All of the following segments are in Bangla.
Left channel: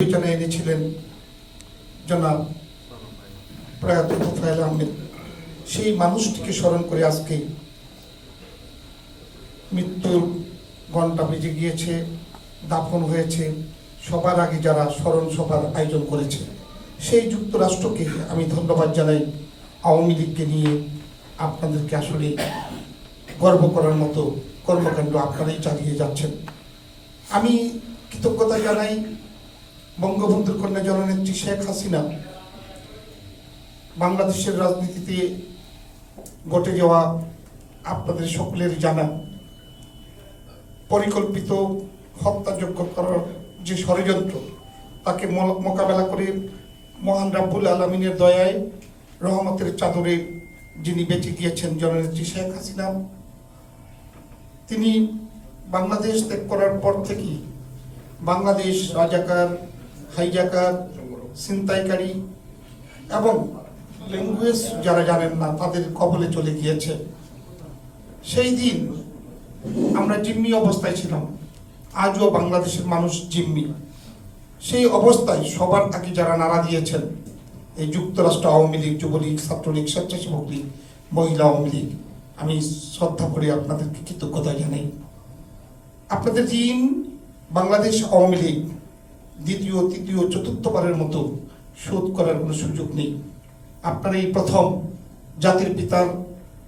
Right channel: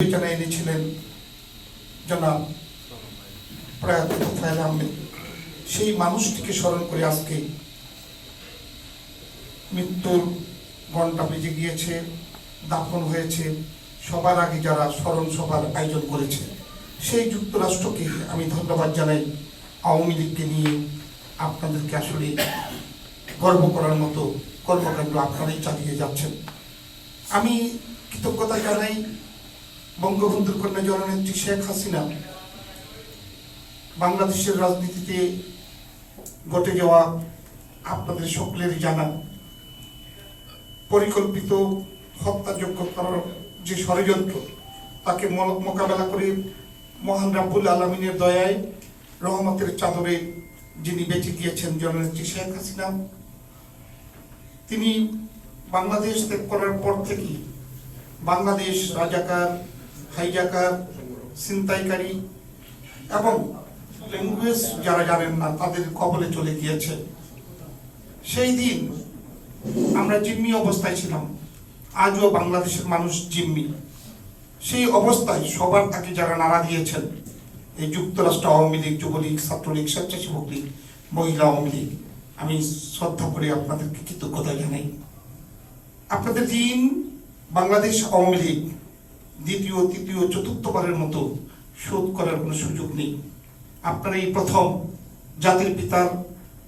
বিবেচনায় এনেছিলেন জনাব প্রয়াত তোফায়েল আহমেদ। সেই মানুষটিকে স্মরণ করে আজকে মৃত্যুর ঘণ্টা বেজে গিয়েছে, দাফন হয়েছে। সবার আগে যারা স্মরণ সভার আয়োজন করেছে সেই যুক্তরাষ্ট্রকে আমি ধন্যবাদ জানাই। আওয়ামী লীগকে নিয়ে আপনাদেরকে আসলে গর্ব করার মতো কর্মকাণ্ড আপনারাই চালিয়ে যাচ্ছেন। আমি কৃতজ্ঞতা জানাই বঙ্গবন্ধুর কন্যা জননেত্রী শেখ হাসিনা। বাংলাদেশের রাজনীতিতে ঘটে যাওয়া আপনাদের সকলেরই জানা পরিকল্পিত হত্যাযোগ্য করার যে ষড়যন্ত্র, তাকে মোকাবেলা করে মহান রাব্বুল আলামিনের দয়ায় রহমতের চাদরে যিনি বেঁচে গিয়েছেন জননেত্রী শেখ হাসিনা, তিনি বাংলাদেশ ত্যাগ করার পর থেকেই বাংলাদেশ রাজাকার, হাইজাকার, ছিনতাইকারী এবং ল্যাঙ্গুয়েজ যারা জানেন না তাদের কবলে চলে গিয়েছে। সেই দিন আমরা জিম্মি অবস্থায় ছিলাম, আজও বাংলাদেশের মানুষ জিম্মি। সেই অবস্থায় সবার আগে যারা নাড়া দিয়েছেন এই যুক্তরাষ্ট্র আওয়ামী লীগ, যুবলীগ, ছাত্রলীগ, স্বেচ্ছাসেবক লীগ, মহিলা আওয়ামী লীগ, আমি শ্রদ্ধা করে আপনাদেরকে কৃতজ্ঞতা জানাই। আপনাদের ঋণ বাংলাদেশ আওয়ামী লীগ দ্বিতীয়, তৃতীয়, চতুর্থবারের মতো শোধ করার কোনো সুযোগ নেই। আপনারা এই প্রথম জাতির পিতার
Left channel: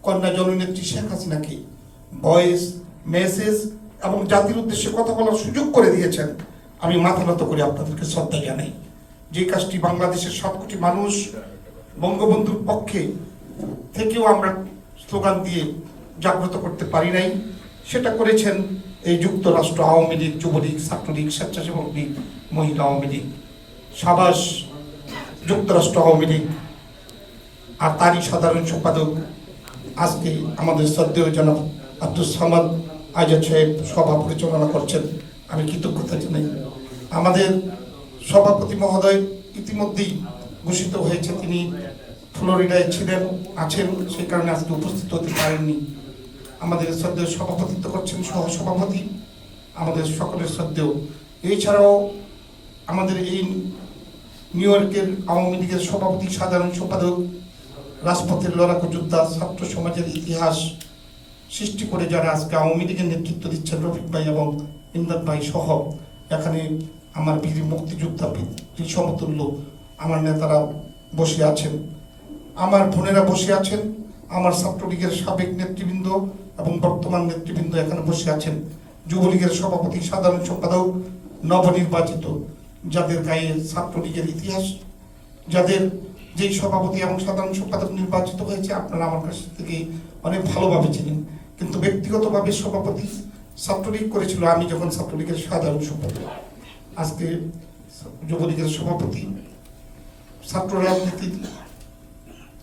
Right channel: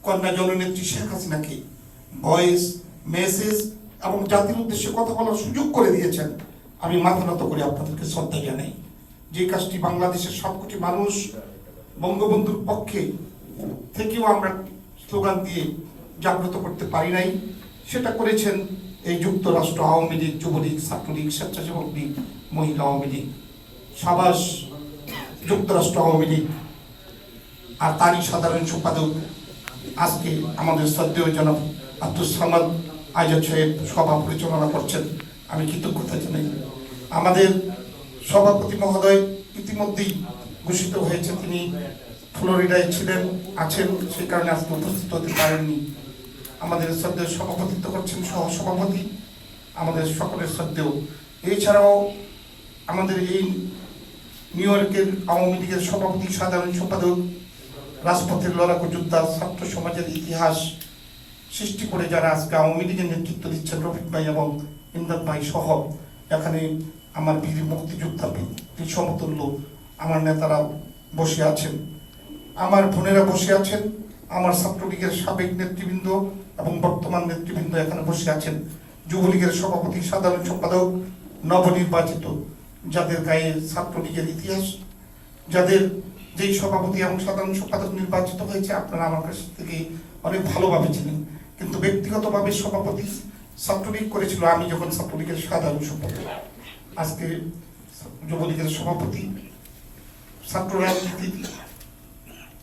কন্যা জননেত্রী শেখ হাসিনাকে ভয়েস, মেসেজ এবং জাতির উদ্দেশ্যে কথা বলার সুযোগ করে দিয়েছেন। আমি মাথা নত করে আপনাদেরকে শ্রদ্ধা জানাই। যে কাজটি বাংলাদেশের 7 কোটি মানুষ বঙ্গবন্ধুর পক্ষে থেকেও আমরা স্লোগান দিয়ে জাগ্রত করতে পারি নাই, সেটা করেছেন এই যুক্তরাষ্ট্র আওয়ামী লীগ, যুবলীগ, ছাত্রলীগ, স্বেচ্ছাসেবক লীগ, মহিলা আওয়ামী লীগ। সাবাস যুক্তরাষ্ট্র আওয়ামী লীগ। আর তারই সাধারণ সম্পাদক আজকে আমাদের শ্রদ্ধেয় জনাব আব্দুল সামাদ আজাদ সাহেব সভা পরিচালনা করছেন, আমি কৃতজ্ঞতা জানাই। আমাদের সভাপতি মহোদয় ইতিমধ্যেই ঘোষিত হয়েছে, তিনি ফ্লোরিডায় ছিলেন, আছেন, সেই কারণে আজকে উপস্থিত হতে পারেননি। আমাদের শ্রদ্ধেয় সভাপতিত্ব করছেন সহসভাপতি, আমাদের সকলের শ্রদ্ধেয়। এছাড়াও আমাদের এই নিউ ইয়র্কের আওয়ামী লীগের সভাপতি, সাধারণ সম্পাদক, রাজপথের লড়াকু যোদ্ধা, ছাত্র সমাজের ইতিহাস সৃষ্টি করে যারা আজকে আওয়ামী লীগের নেতৃত্ব দিচ্ছেন, রফিক ভাই এবং ইমদাদ ভাই সহ, এখানে আমার বীর মুক্তিযোদ্ধা সমতুল্য আমার নেতারা বসে আছেন, আমার বোনেরা বসে আছেন, আমার ছাত্রলীগের সাবেক নেতৃবৃন্দ এবং বর্তমান নেতৃবৃন্দ এখানে বসে আছেন, যুবলীগের সভাপতি, সাধারণ সম্পাদক, নবনির্বাচিত, যাদের গায়ে ছাত্রলীগের ইতিহাস, যাদের যেই সভাপতি এবং সাধারণ সম্পাদক নির্বাচিত হয়েছে আপনারা আমার কাছ থেকে অনেক ভালোভাবে ছিলেন, কিন্তু ব্যক্তিগতভাবে সভাপতি ছাত্রলীগ করেছিল আমি যখন ছাত্রলীগের সাধারণ সম্পাদক। আজকে যুবলীগের সভাপতি, ছাত্র রাজনীতি,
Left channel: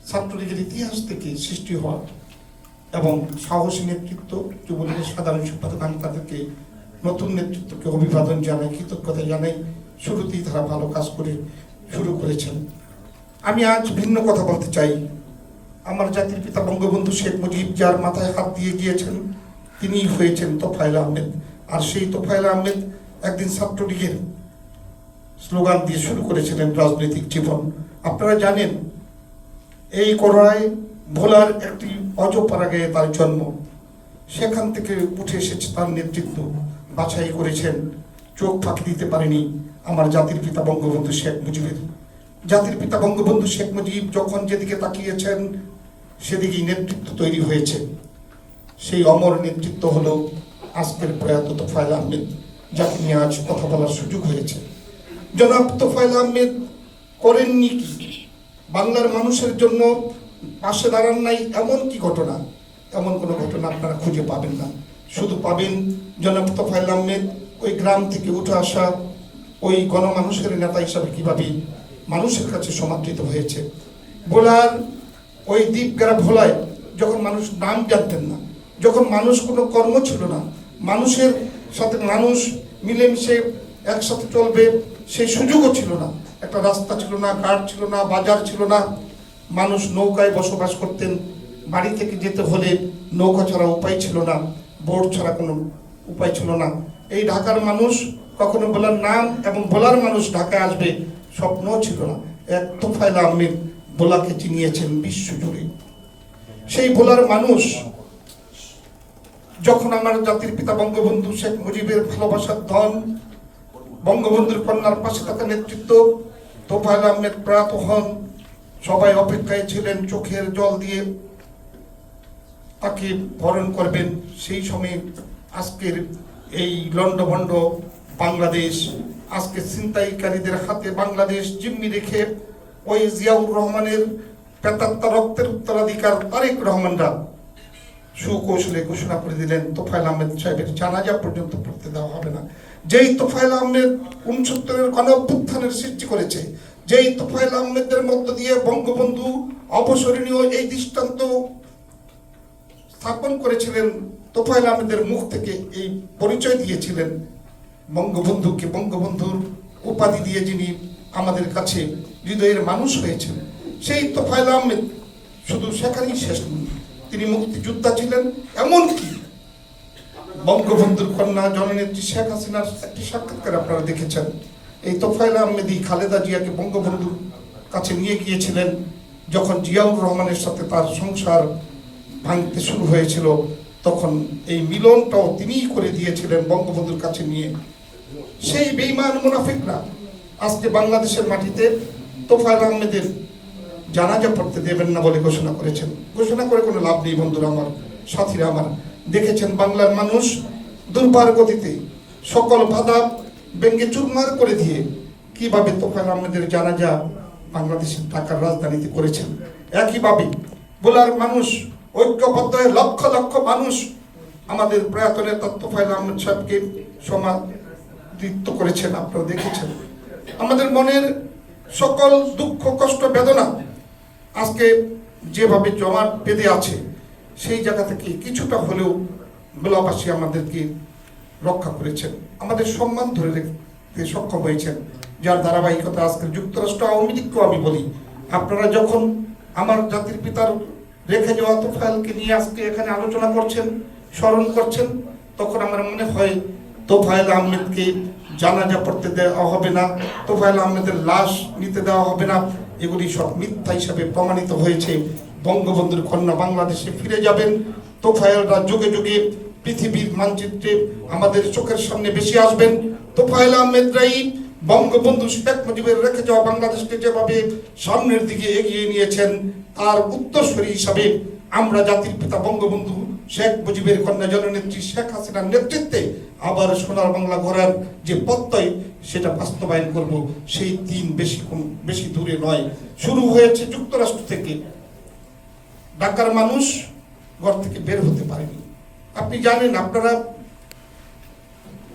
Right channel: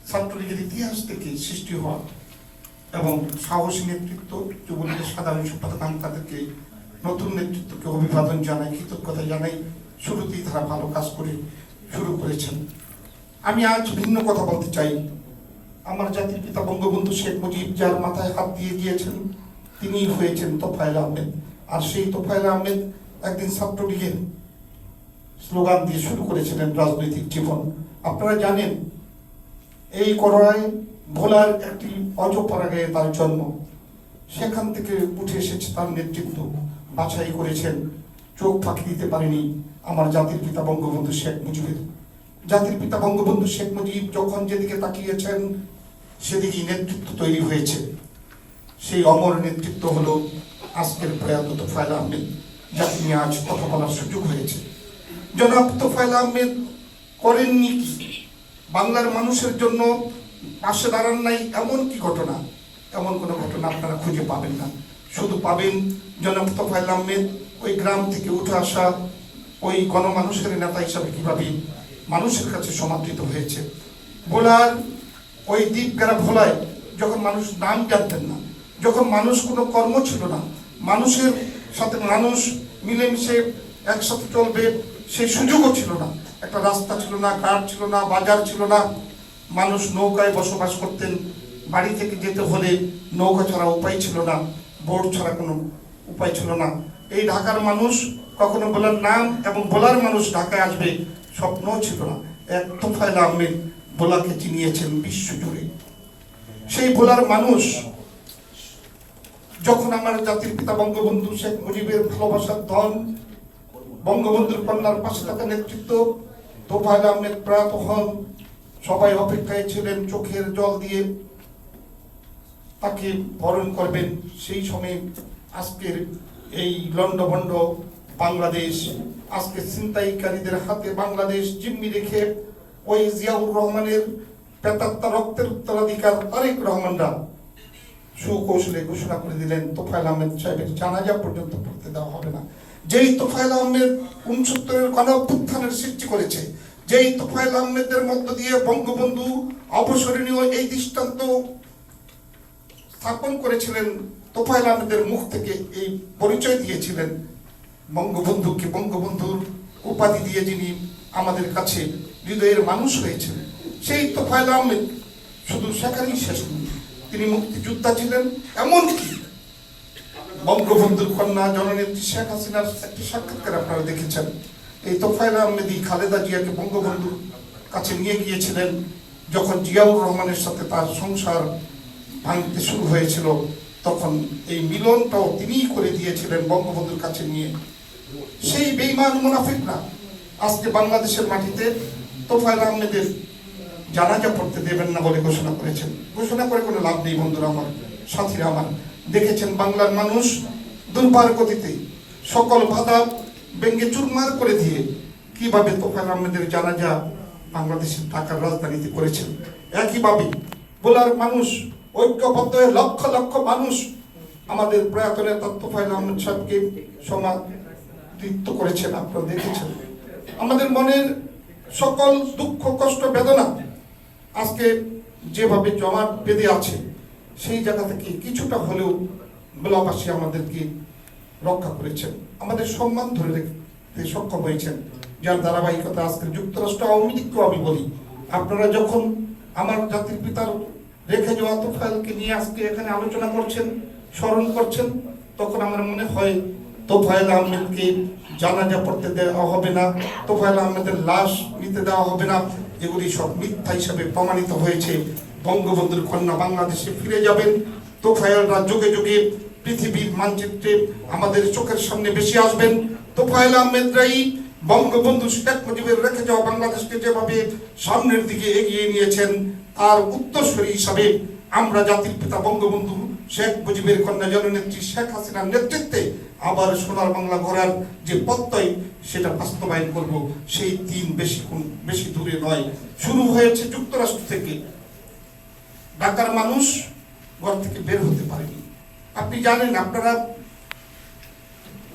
ছাত্রলীগের ইতিহাস থেকে সৃষ্টি হওয়া এবং সাহসী নেতৃত্ব, যুবলীগের সাধারণ সম্পাদক, আমি তাদেরকে নতুন নেতৃত্বকে অভিবাদন জানাই, কৃতজ্ঞতা জানাই। শুরুতেই তারা ভালো কাজ করে শুরু করেছেন। আমি আজ ভিন্ন কথা বলতে চাই। আমার জাতির পিতা বঙ্গবন্ধু শেখ মুজিব যার মাথায় হাত দিয়ে গিয়েছেন তিনি হয়েছেন তোফায়েল আহমেদ। আর সেই তোফায়েল আহমেদ একদিন ছাত্রলীগের স্লোগান দিয়ে শুরু করেছিলেন রাজনৈতিক জীবন। আপনারা জানেন এই করোনায় ভোলার একটি অজপাড়াগাঁয়ে তার জন্ম, সেখান থেকে উঠে এসেছে তার নেতৃত্ব, বাছাই করেছেন, চোখ ফাঁকি দিতে পারেনি আমার জাতির পিতা বঙ্গবন্ধু শেখ মুজিবের। জাতির পিতা বঙ্গবন্ধু শেখ মুজিব যখন যেদিকে তাকিয়েছেন সেদিকেই নেতৃত্ব তৈরি হয়েছে। সেই অমর নেতৃত্ব হলো আজকের প্রয়াত তোফায়েল আহমেদ, যাকে নিয়ে আজ কথা বলার সুযোগ হয়েছে। জনাব তোফায়েল আহমেদ করেননি কি? বাংলার মানুষের জন্য পাশে দাঁড়ান নাই এমন কি ঘটনা? এমন কোনো ঘটনা আপনারা খুঁজে পাবেন না। শুধু পাবেন জনাব তোফায়েল আহমেদ ওই গ্রাম থেকে উঠে আসা ওই গণমানুষের নেতা হিসাবে কিভাবে মানুষের কাছে সমাদৃত হয়েছে। ভোলার ওই দ্বীপগ্রা ভোলায় যখন মানুষ নাম জানতেন না, যখন মানুষ কোনো কর্ম ছিল না, মানুষের সাথে মানুষ মিলেমিশে একসাথে চলবে সেই সুযোগও ছিল না, একটা রাস্তা ছিল না, ঘাট ছিল না, বাজার ছিল না, মানুষ নৌকায় বসবাস করতেন, বাড়ি থেকে যেতে হলে নৌকা ছাড়া উপায় ছিল না, বোট ছাড়া কোনো উপায় ছিল না। এই ঢাকার মানুষ কখনো বলার নাম এবং বলার মানুষ ঢাকায় আসবে স্বপ্ন ছিল না। এক তোফায়েল আহমেদ ভোলাকে চিনিয়েছেন বিশ্বজুড়ে। সেই ভোলার মানুষ যখন আমার জাতির পিতা বঙ্গবন্ধু শেখ মুজিবের ভালোবাসার ধন, বঙ্গবন্ধুর কন্যার পাশে থাকা নেতৃত্ব, তোফায়েল আহমেদ প্রয়াত হন, সবাই অপেক্ষায় ছিলেন চোখের জল দিয়ে তাকে বরণ করবেন। সেই সময় আজকের এই লন্ডভন্ড বাংলাদেশ, আজকে ছিনতাইকারীদের হাতে বাংলাদেশ জিম্মি রেখে ওই জিয়াউর রহমানের প্রেতাত্মা রক্তের উত্তরাধিকার তারেক রহমানরা সুকৌশলে ঘোষণা করে দিলেন তোফায়েল আহমেদ সাহেবের জানাজা পর্যন্ত পড়তে দেওয়া হবে না। যেই তোফায়েল আহমেদ 69-এর গণঅভ্যুত্থানের সৃষ্টি করেছে, যেই তোফায়েল আহমেদের মধ্য দিয়ে বঙ্গবন্ধু অবসরণীয় এই দৃষ্টান্ত স্থাপন করেছিলেন, তোফায়েল আহমেদের মুখ থেকে এই পরিচয় দিয়েছিলেন বঙ্গবন্ধুকে, বঙ্গবন্ধুর উপাধি দিয়ে যিনি আমাদের কাছে হৃদয়ের মানুষ হয়েছেন, সেই তোফায়েল আহমেদ শুধু সেখানেই শেষ নন, তিনি মুক্তিযোদ্ধা ছিলেন। এমনকি বঙ্গবন্ধুর কন্যা জননেত্রী শেখ হাসিনার একটি সাক্ষাৎকার আপনারা দেখেছেন। এই তোফায়েল আহমেদই খালেদা জিয়াকে বঙ্গবন্ধুর কাছে নিয়ে গিয়েছিলেন যখন জিয়াউর রহমানের সাথে তার সংসার ভাঙতে শুরু হয়েছিল, তখন এই মিলনটাও তিনিই করে দিয়েছিলেন বঙ্গবন্ধুর কাছে নিয়ে। সেই বেঈমান মুনাফিকরা আজকে বাংলাদেশের মাটিতে তোফায়েল আহমেদের জানাজা পড়তে দেবেন না বলে ঘোষণা করেছেন। ঘোষণা করে কোনো লাভ নেই বন্ধুরা আমার, সাথীরা আমার। দেখেছেন বাংলার মানুষ দুর্বার গতিতে সকল বাধা ভেঙে চুরমার করে দিয়ে কিভাবে তোফায়েল আহমেদের জানাজা বাংলাদেশের ঢাকার রাজধানীতে করেছেন। একইভাবে ভোলার মানুষ ঐক্যবদ্ধ হয়ে লক্ষ লক্ষ মানুষ আমাদের প্রয়াত নেতা তোফায়েল আহমেদ সাহেবকে সমাদৃত করেছেন। আপনারা দেখেছেন আমাদের মনের সকল দুঃখ কষ্ট বেদনা আজকে যেভাবে জমাট বেঁধে আছে, সেই জায়গা থেকে কিছুটা হলেও ভোলাবাসী আমাদেরকে রক্ষা করেছেন, আমাদের সম্মান ধরে রাখতে সক্ষম হয়েছেন, যার ধারাবাহিকতা আজকে যুক্তরাষ্ট্র আওয়ামী লীগকেও আমি বলি, আপনারা যখন আমার জাতির পিতার রেখে যাওয়া তোফায়েলকে নিয়ে আজকে এখানে আলোচনা করছেন, স্মরণ করছেন, তখন আমার মনে হয় তোফায়েল আহমেদকে জানাজা পড়তে দেওয়া হবে না, তোফায়েল আহমেদের লাশ নিতে দেওয়া হবে না, এগুলি সব মিথ্যা হিসাবে প্রমাণিত হয়েছে। বঙ্গবন্ধুর কন্যা বাংলাদেশে ফিরে যাবেন, তোফায়েলরা যুগে যুগে পৃথিবীর মানচিত্রে আমাদের চোখের সামনে বেশি আসবেন। তোফায়েল আহমেদরাই বঙ্গবন্ধু শেখ মুজিবের রেখে যাওয়া বাংলাদেশকে যেভাবে সামনের দিকে এগিয়ে নিয়েছেন, তার উত্তরসূরি হিসাবে আমরা জাতির পিতা বঙ্গবন্ধু শেখ মুজিবের কন্যা জননেত্রী শেখ হাসিনার নেতৃত্বে আবার সোনার বাংলা গড়ার যে প্রত্যয়, সেটা বাস্তবায়ন করব। সেই দিন বেশি দূরে নয়। শুরু হয়েছে যুক্তরাষ্ট্র থেকে। ঢাকার মানুষ ঘর থেকে বের হতে পারেনি। আপনি জানেন, আপনারা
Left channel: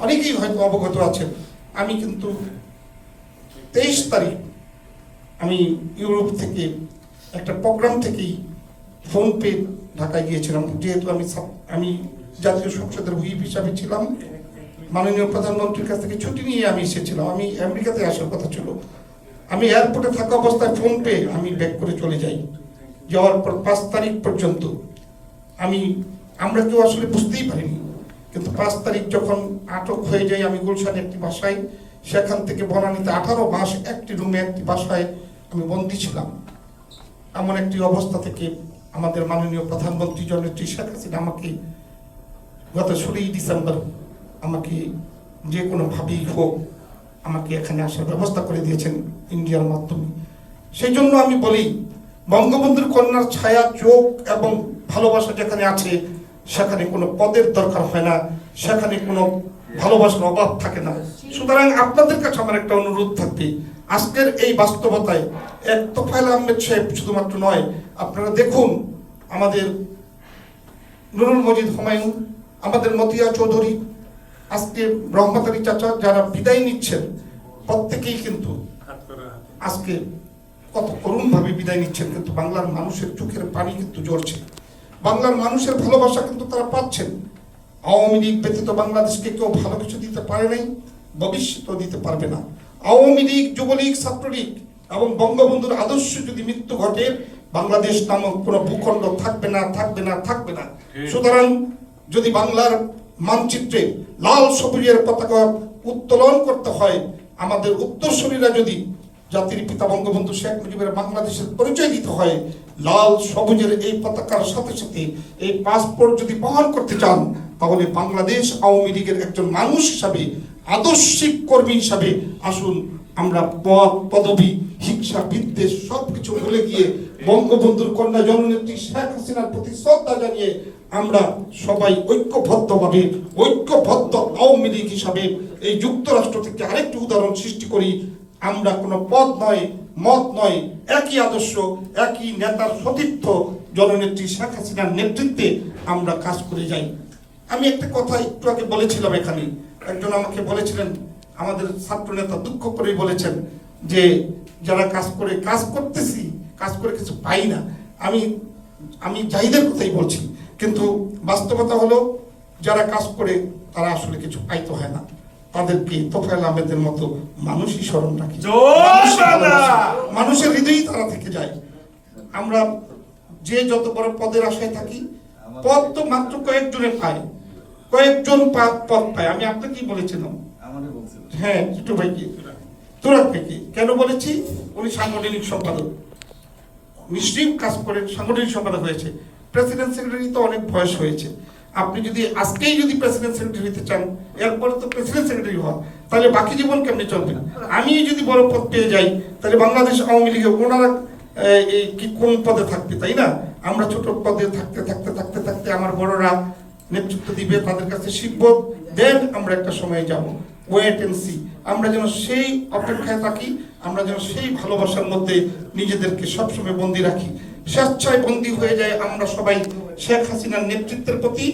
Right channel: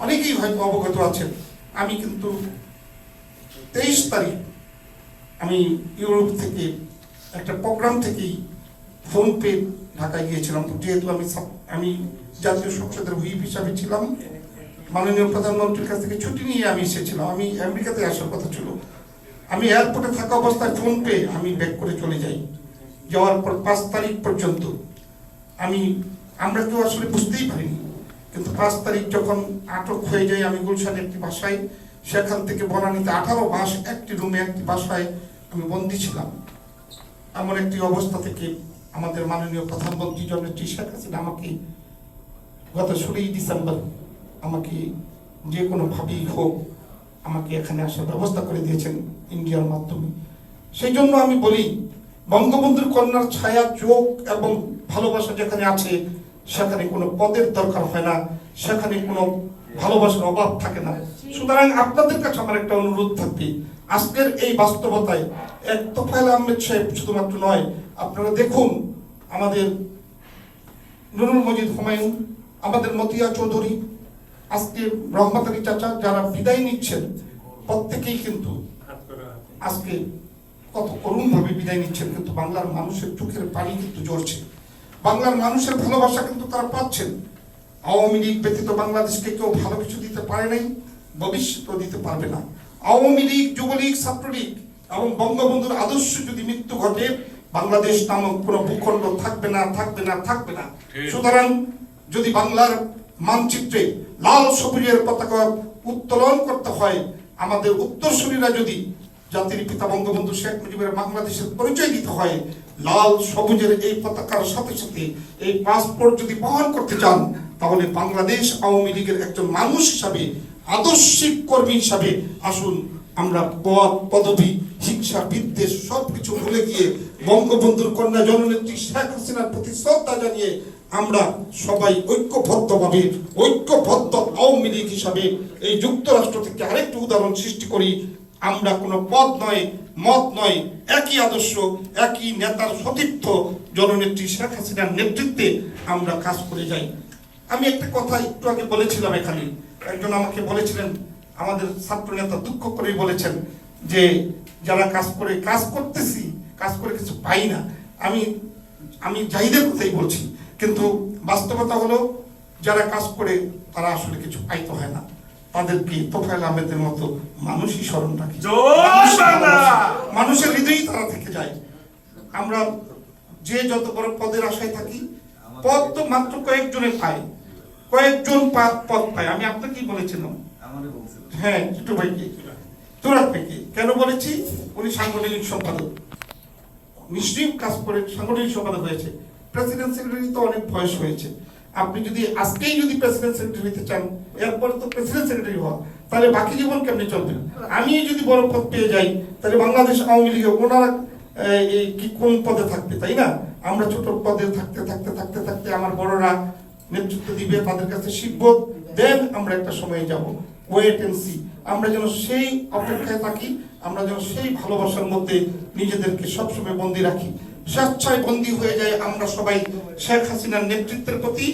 অনেকেই হয়তো অবগত আছেন, আমি কিন্তু 23 তারিখ আমি ইউরোপ থেকে একটা প্রোগ্রাম থেকেই ফোন পে ঢাকায় গিয়েছিলাম। যেহেতু আমি জাতীয় সংসদের হুইপ হিসাবে ছিলাম, মাননীয় প্রধানমন্ত্রীর কাছ থেকে ছুটি নিয়ে আমি এসেছিলাম। আমি আমেরিকাতে আসার কথা ছিল। আমি এয়ারপোর্টে থাকা অবস্থায় ফোন পে আমি ব্যাক করে চলে যাই। যাওয়ার পর 5 তারিখ পর্যন্ত আমরা কেউ আসলে বুঝতেই পারিনি, কিন্তু 5 তারিখ যখন আটক হয়ে যাই আমি গুলশানে একটি বাসায়, সেখান থেকে বনানীতে 18 মাস একটি রুমে একটি বাসায় আমি বন্দী ছিলাম। এমন একটি অবস্থা থেকে আমাদের মাননীয় প্রধানমন্ত্রী জননেত্রী শেখ হাসিনা আমাকে গত 16 ডিসেম্বর আমাকে যে কোনোভাবেই হোক আমাকে এখানে আসার ব্যবস্থা করে দিয়েছেন ইন্ডিয়ার মাধ্যমে। সেই জন্য আমি বলি, বঙ্গবন্ধুর কন্যার ছায়া, চোখ এবং ভালোবাসা যেখানে আছে, সেখানে কোনো পদের দরকার হয় না, সেখানে কোনো ভালোবাসার অভাব থাকে না। সুতরাং আপনাদের কাছে আমার একটা অনুরোধ থাকবে, আজকের এই বাস্তবতায় এক তোফায়েল আহমেদ সাহেব শুধুমাত্র নয়, আপনারা দেখুন আমাদের নুরুল মজিদ হুমায়ুন, আমাদের মতিয়া চৌধুরী, আজকে রহমত আলী চাচা, যারা বিদায় নিচ্ছেন, প্রত্যেকেই কিন্তু আজকে কত করুণভাবে বিদায় নিচ্ছেন, কিন্তু বাংলার মানুষের চোখের পানি কিন্তু ঝরছে, বাংলার মানুষের ভালোবাসা কিন্তু তারা পাচ্ছেন। আওয়ামী লীগ ব্যতীত বাংলাদেশকে কেউ ভালো কিছু দিতে পারে নাই, ভবিষ্যতেও দিতে পারবে না। আওয়ামী লীগ, যুবলীগ, ছাত্রলীগ এবং বঙ্গবন্ধুর আদর্শ যদি মৃত্যু ঘটে, বাংলাদেশ নামক কোন ভূখণ্ড থাকবে না, থাকবে না, থাকবে না। সুতরাং যদি বাংলার মানচিত্রে লাল সবুজের পতাকা উত্তোলন করতে হয়, আমাদের উত্তরসূরিরা যদি জাতির পিতা বঙ্গবন্ধু শেখ মুজিবের বাংলাদেশের পরিচয় দিতে হয়, লাল সবুজের এই পতাকার সাথে সাথে এই পাসপোর্ট যদি বহন করতে চান, তাহলে বাংলাদেশ আওয়ামী লীগের একজন মানুষ হিসাবে, আদর্শিক কর্মী হিসাবে আসুন আমরা পদ পদবি হিংসা বিদ্বেষ সবকিছু ভুলে গিয়ে বঙ্গবন্ধুর কন্যা জননেত্রী শেখ হাসিনার প্রতি শ্রদ্ধা জানিয়ে আমরা সবাই ঐক্যবদ্ধভাবে ঐক্যবদ্ধ আওয়ামী লীগ হিসাবে এই যুক্তরাষ্ট্র থেকে আরেকটি উদাহরণ সৃষ্টি করি। আমরা কোনো পদ নয়, মত নয়, একই আদর্শ, একই নেতার সতীর্থ জননেত্রী শেখ হাসিনার নেতৃত্বে আমরা কাজ করে যাই। আমি একটা কথা একটু আগে বলেছিলাম, এখানে একজন আমাকে বলেছিলেন, আমাদের ছাত্র নেতা দুঃখ করেই বলেছেন যে যারা কাজ করতেছি, কাজ করে কিছু পাই না। আমি জাহিদের কথাই বলছি, কিন্তু বাস্তবতা হলো যারা কাজ করে তারা আসলে কিছু পাইতে হয় না, তাদেরকে তোফায়েল আহমেদের মতো মানুষই স্মরণ রাখে, মানুষের হৃদয়ই তারা থেকে যায়। আমরা যে যত বড় পদের আশায় থাকি, পদ তো মাত্র কয়েকজনে পায়, কয়েকজন পদ পায়। আমি আপনাকেই বলেছিলাম, হ্যাঁ ছোট ভাইকে, তুরাক ভাইকে কেন বলেছি, উনি সাংগঠনিক সম্পাদক, নিশ্চয়ই কাজ করে সাংগঠনিক সম্পাদক হয়েছে। প্রেসিডেন্ট সেক্রেটারি তো অনেক বয়স হয়েছে, আপনি যদি আজকেই যদি প্রেসিডেন্ট সেক্রেটারি হতে চান, এরপরে তো প্রেসিডেন্ট সেক্রেটারি হওয়া, তাহলে বাকি জীবন কেমনি চলবে? আমি যদি বড় পদ পেয়ে যাই, তাহলে বাংলাদেশ আওয়ামী লীগে ওনারা কি কোন পদে থাকবে, তাই না? আমরা ছোট পদে থাকতে থাকতে থাকতে থাকতে আমার বড়রা নেতৃত্ব দিবে, তাদের কাছে শিখবো, দেন আমরা একটা সময় যাব। Wait and see. আমরা যেন সেই অপেক্ষায় থাকি, আমরা যেন সেই ভালোবাসার মধ্যে নিজেদেরকে সবসময় বন্দী রাখি, স্বেচ্ছায় বন্দী হয়ে যায় আমরা সবাই শেখ হাসিনার নেতৃত্বের প্রতি,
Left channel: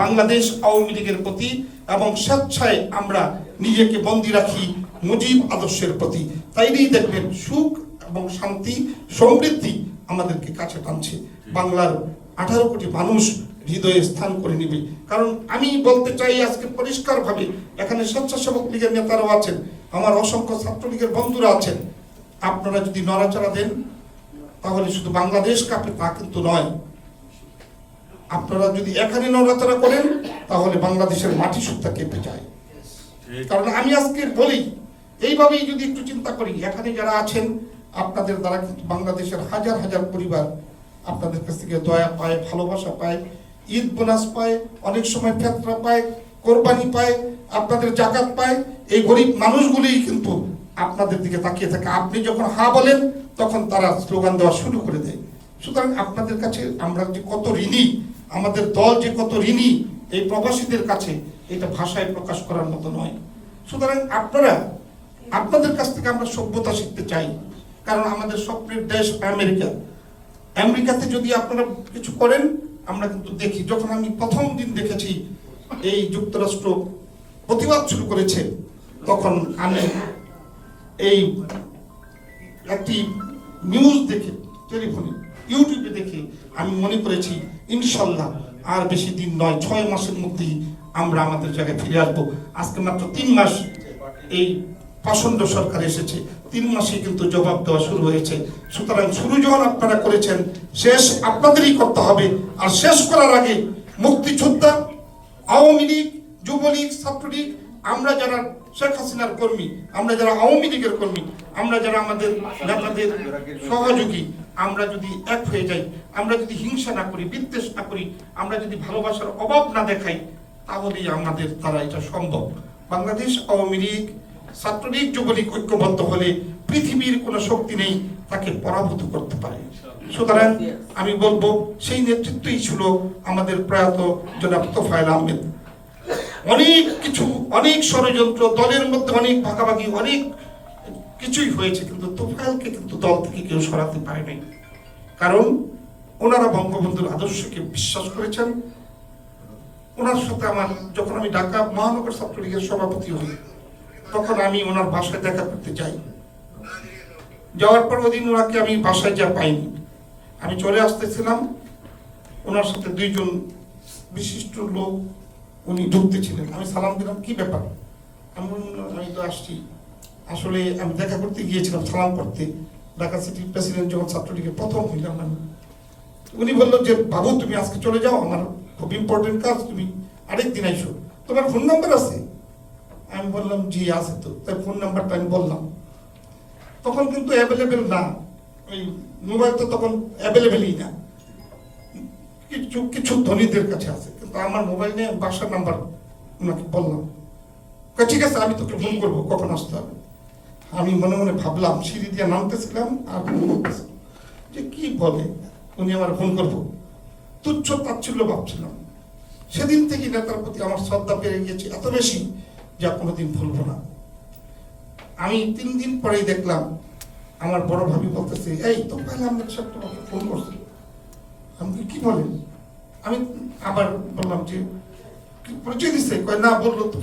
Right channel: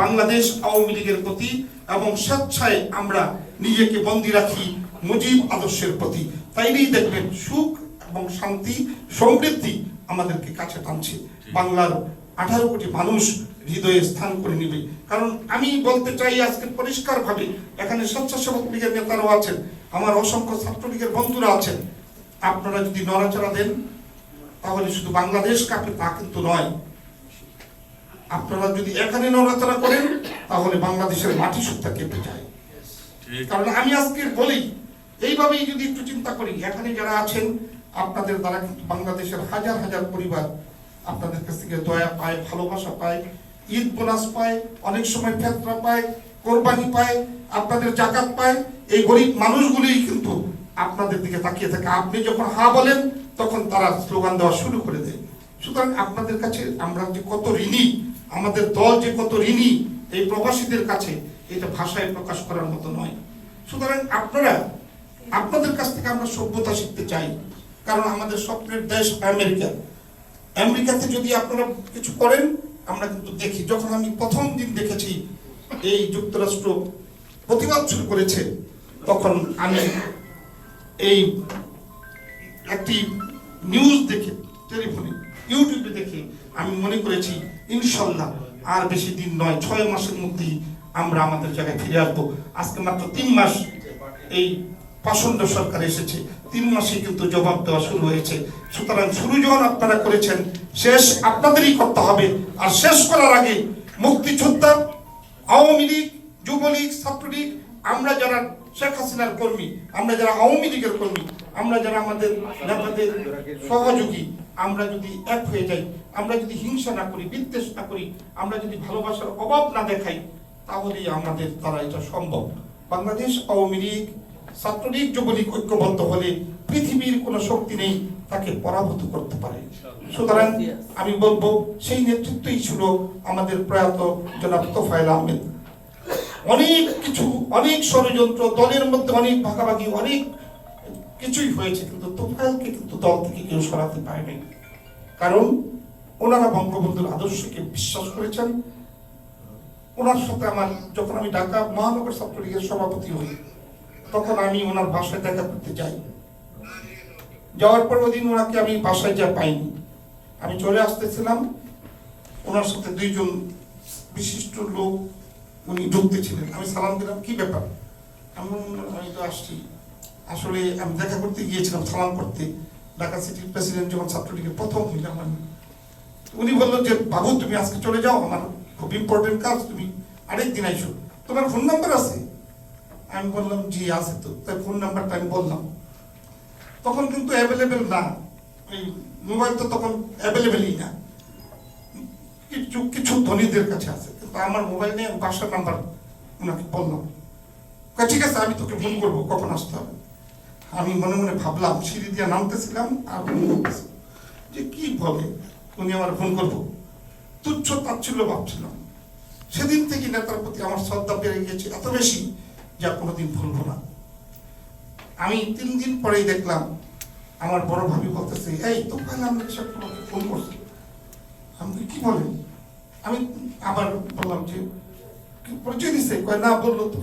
বাংলাদেশ আওয়ামী লীগের প্রতি, এবং স্বেচ্ছায় আমরা নিজেকে বন্দী রাখি মুজিব আদর্শের প্রতি। তাইলেই দেখবেন সুখ এবং শান্তি সমৃদ্ধি আমাদেরকে কাছে টানছে, বাংলার 18 কোটি মানুষ হৃদয়ে স্থান করে নিবে। কারণ আমি বলতে চাই আজকে পরিষ্কার ভাবে, এখানে স্বেচ্ছাসেবক লীগের নেতারাও আছেন, আমার অসংখ্য ছাত্রলীগের বন্ধুরা আছেন, আপনারা যদি নড়াচড়া দেন তাহলে শুধু বাংলাদেশ কাঁপে তা কিন্তু নয়। আপনারা যদি এখানে নড়াচড়া করেন তাহলে বাংলাদেশের মাটি সুদ্ধা কেঁপে যায়। কারণ আমি আজকে বলি, এইভাবেই যদি একটু চিন্তা করি, এখানে যারা আছেন আপনাদের দ্বারা কিন্তু বাংলাদেশের হাজার হাজার পরিবার আপনাদের কাছ থেকে দয়া পায়, ভালোবাসা পায়, ঈদ বোনাস পায়, অনেক সময় ফেতরা পায়, কোরবানি পায়, আপনাদের জাকাত পায়। এই গরিব মানুষগুলিই কিন্তু আপনাদের দিকে তাকিয়ে থাকে। আপনি যখন হা বলেন তখন তারা স্লোগান দেওয়া শুরু করে দেয়। সুতরাং আপনাদের কাছে আমরা যে কত ঋণী, আমাদের দল যে কত ঋণী এই প্রবাসীদের কাছে, এটা ভাষায় প্রকাশ করার মতো নয়। সুতরাং আপনাদের কাছ থেকে আমরা সভ্যতা শিখতে চাই, কারণ আমাদের স্বপ্নের দেশ আমেরিকা। আমেরিকাতে যদি আপনারা কিছু করেন, আমরা কিন্তু দেখি, যখন আমি প্রথম দিন দেখেছি এই যুক্তরাষ্ট্র প্রতিবাদ শুরু করেছে, তখন আমি এই একটি নিউজ দেখে, টেলিফোনে ইউটিউবে দেখে আমি মনে করেছি ইনশাল্লাহ আর বেশি দিন নয়, 6 মাসের মধ্যেই আমরা আমাদের জায়গায় ফিরে আসবো। আজকে মাত্র 3 মাস এই পাষণ্ড সরকার এসেছে, 3 মাসে কিন্তু জবাব দেওয়া শুরু হয়েছে। সুতরাং শুরু যখন আপনারা করেছেন, শেষ আপনাদেরই করতে হবে। আর শেষ করার আগে মুক্তিযোদ্ধা, আওয়ামী লীগ, যুবলীগ, ছাত্রলীগ, আমরা যারা শেখ হাসিনার কর্মী, আমরা যারা আওয়ামী লীগের কর্মী, আমরা যারা আমাদের নেতাদের সহযোগী, আমরা যদি এক হয়ে যাই, আমরা যদি হিংসা না করি, বিদ্বেষ না করি, আমরা যদি ভালোবাসার অভাব না দেখাই, তাহলেই আমাদের দ্বারা এটা সম্ভব। বাংলাদেশ আওয়ামী লীগ, ছাত্রলীগ, যুবলীগ ঐক্যবদ্ধ হলে পৃথিবীর কোনো শক্তি নেই তাকে পরাভূত করতে পারে। সুতরাং আমি বলবো সেই নেতৃত্বই ছিল আমাদের প্রয়াত জনাব তোফায়েল আহমেদ। অনেক কিছু, অনেক ষড়যন্ত্র, দলের মধ্যে অনেক ভাগাভাগি, অনেক কিছুই হয়েছে, কিন্তু তোফায়েলকে কিন্তু দল থেকে কেউ সরাতে পারেনি। কারণ ওনারা বঙ্গবন্ধুর আদর্শকে বিশ্বাস করেছেন। ওনার সাথে আমার, যখন আমি ঢাকা মহানগর ছাত্রলীগের সভাপতি হই, তখন আমি ওনার বাসায় দেখা করতে যাই। যাওয়ার পর ওদিন ওনাকে আমি বাসায় যা পাইনি, আমি চলে আসতেছিলাম, ওনার সাথে 2 জন বিশিষ্ট লোক উনি ঢুকতেছিলেন। আমি সালাম দিলাম, কি ব্যাপার? আমি তো আসছি, আসলে আমি দেখা করতে গিয়েছিলাম, সালাম করতে। ঢাকা সিটির প্রেসিডেন্ট যখন ছাত্রলীগের প্রথম হইলাম আমি, উনি বললো যে বাবু তুমি আজকে চলে যাও, আমার খুব ইম্পর্টেন্ট কাজ, তুমি আরেকদিন আইসো, তোমার ফোন নাম্বার আছে? আমি বললাম জি আছে তো, তাই ফোন নাম্বারটা আমি বললাম। তখন কিন্তু অ্যাভেলেবেল না, এই মোবাইল তো তখন অ্যাভেলেবেলই না, কিছু কিছু ধনীদের কাছে আছে, কিন্তু আমার মোবাইল নিয়ে বাসার নাম্বার ওনাকে বললাম। ঠিক আছে আমি তোকে ফোন করবো, কখন আসতে হবে। আমি মনে মনে ভাবলাম, সিঁড়ি দিয়ে নামতেছিলাম আর ফোন করতেছিলাম, যে কি বলে উনি আমার ফোন করবো, তুচ্ছ তাচ্ছিল্য ভাবছিলাম। সেদিন থেকে নেতার প্রতি আমার শ্রদ্ধা বেড়ে গিয়েছে এত বেশি, যা কোনোদিন ভুলবো না। আমি 3 দিন পরেই দেখলাম আমার বড় ভাবি বলতেছে, এই তো কাল আমরা ফোন করছি। আমি কি বলেন? আমি আবার বললাম যে পরিচয় দিচ্ছে, কয় না বললো তো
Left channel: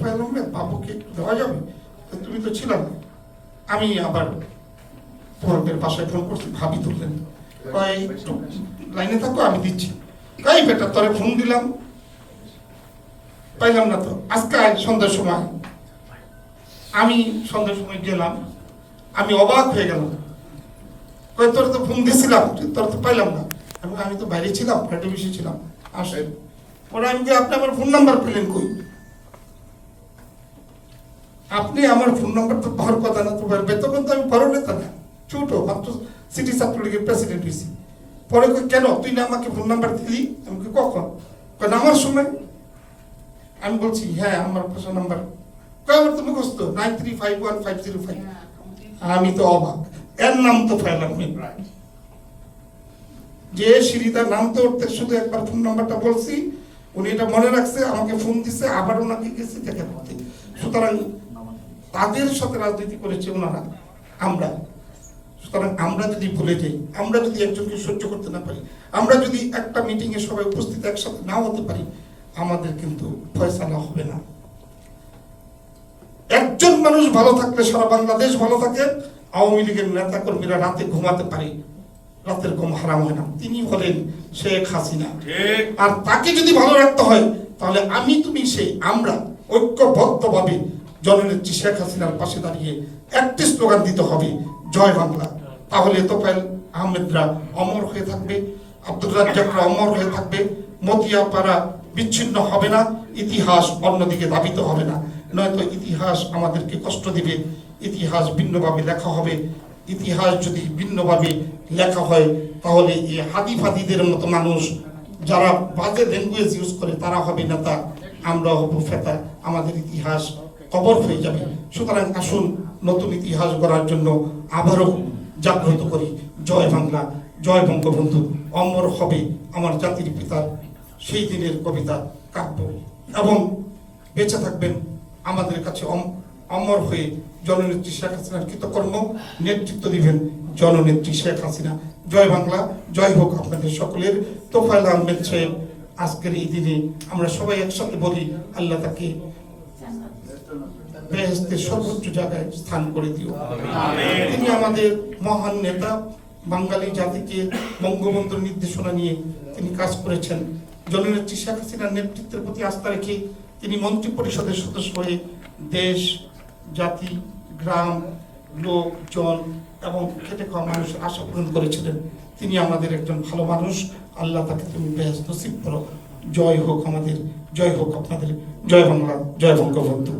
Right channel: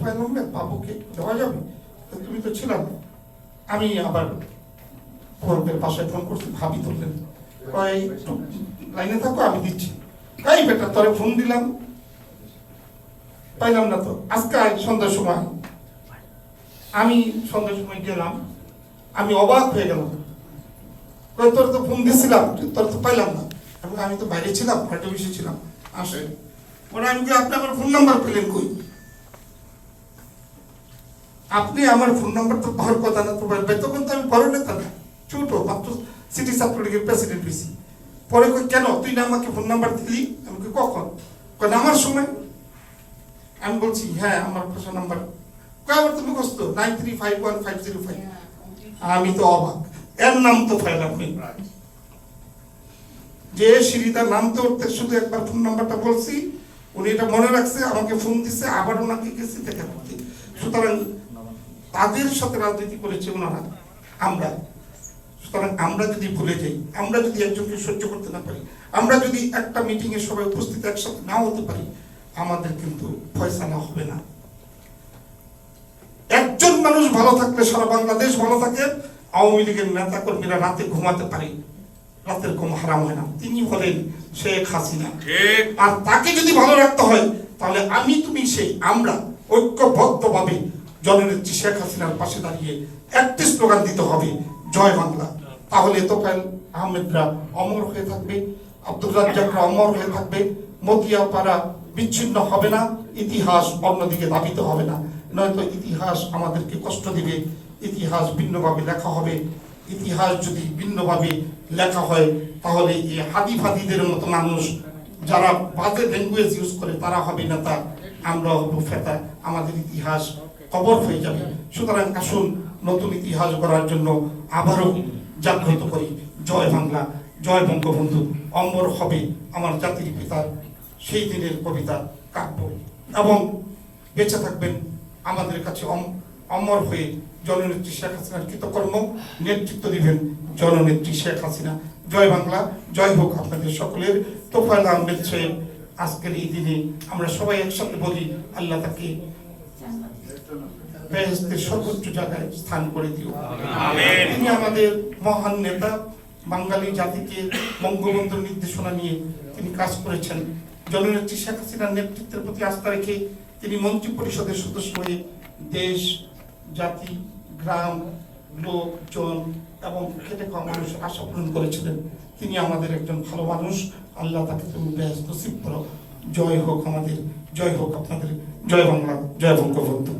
বাবুকে দেওয়া যাবে, তুমি তো ছিল না। আমি আবার পরবের বাসায় ফোন করছি, ভাবি তুললেন, কয় একটু লাইনে থাকো আমি দিচ্ছি। কাই বেটা তোরে ফোন দিলাম, পাইলাম না তো। আজকে সন্ধ্যার সময় আমি গেলাম, আমি অবাক হয়ে গেলাম, কয় তোর তো ফোন দিয়েছিলাম, তোর তো পাইলাম না। আমি তো বাইরে ছিলাম, ফ্লাইটে বসে ছিলাম, আসেন। পরে আমি আপনি আমার ফোন নাম্বার পেলেন কই? আপনি আমার ফোন নাম্বার তো পাওয়ার কথা না, তো বলবে তখন তো আমি বড় নেতা না, ছোট মাত্র সিটি ছাত্রলীগের প্রেসিডেন্ট হয়েছি। পরে কেন তুই না আমাকে ফোন নাম্বার দিলি? আমি কখন? কারণ আমার সময়। আমি বলছি হ্যাঁ আমার ফোন নাম্বার। আমার তো মুখস্থ 93515505। আমি তো অবাক, এর নাম তো ফাইলাম যে সিঁড়িটার নাম তো উঠতে, শুধু একবার ফোন নাম্বারটা বলছি, উনি এটা মনে রাখছে, আমাকে ফোন দিচ্ছে, আবার ওনাকে গেছি দেখা করতে। সুতরাং তাদের সাথে রাজনীতি করেছে ওনারা, আমরা। সুতরাং আমরা যদি ভুলে যাই, আমরা যদি একজনকে সহ্য করতে না পারি, আমরা যদি একটা মিটিং এ সবাই উপস্থিত একসাথে নাও হতে পারি, আমাদের কিন্তু ফয়সালা হবে না। একজন মানুষ ভালো থাকলে সারা বাংলাদেশ ভালো থাকে। আওয়ামী লীগের নেতা কর্মীরা রাতে ঘুমাতে পারে, রাতের ঘুম হারাম হয় না। তিনি হলেন শেখ হাসিনা। আর তাকে যদি ভালো রাখতে হয়, তাহলে আমি তুমি সেই আমরা ঐক্যবদ্ধভাবে জননেত্রী শেখ হাসিনার পাশে দাঁড়িয়ে একটি স্লোগান দিতে হবে, জয় বাংলা। তাহলে তোফায়েল আহমেদরা অমর হয়ে থাকবে, আব্দুর রাজ্জাকরা অমর হয়ে থাকবে, মতিয়াপাড়া বিচ্ছিন্ন হবে না, ইতিহাস অন্যদিকে ধাবিত হবে না। নয়তো ইতিহাস আমাদেরকে কষ্ট দিবে, ইতিহাস ভিন্নভাবে লেখা হবে। ইতিহাস যদি ভিন্নভাবে লেখা হয়, তাহলে এই হাদি ফাদিদের মতো মানুষ যারা বাজে ল্যাঙ্গুয়েজ ইউজ করে তারা হবে নেতা, আমরা হব ফেতা, আমাদের ইতিহাস কবর হয়ে যাবে। সুতরাং আসুন নতুন ইতিহাস গড়ার জন্য আবারও জাগ্রত করি। জয় বাংলা, জয় বঙ্গবন্ধু, অমর হবে আমার জাতির পিতার সেই দিনের কবিতা কাব্য। এবং বেঁচে থাকবেন আমাদের কাছে অমর হয়ে জননেত্রী শেখ হাসিনার কৃতকর্ম, নেতৃত্ব দিবেন জননেত্রী শেখ হাসিনা। জয় বাংলা, জয় হোক আপনাদের সকলের। তোফায়েল আহমেদ সাহেব আজকের এই দিনে আমরা সবাই একসাথে বলি, আল্লাহ তাকে বেহেশতের সর্বোচ্চ জায়গায় স্থান করে দিও। তিনি আমাদের মহান নেতা, বাঙালি জাতিকে বঙ্গবন্ধুর নির্দেশনা নিয়ে তিনি কাজ করেছেন। জননেত্রী শেখ হাসিনার নেতৃত্বের প্রতি আস্থা রেখে তিনি মন্ত্রী পরিষদের সদস্য হয়ে দেশ, জাতি, গ্রাম, লোকজন এবং খেটে খাওয়া মানুষের আশা পূরণ করেছিলেন। তিনি আমাদের একজন ভালো মানুষ, আল্লাহ তাকে তুমি বেহেশত নসিব করো। জয় হোক আমাদের, জয় হোক আপনাদের, জয় বাংলা, জয় বঙ্গবন্ধু।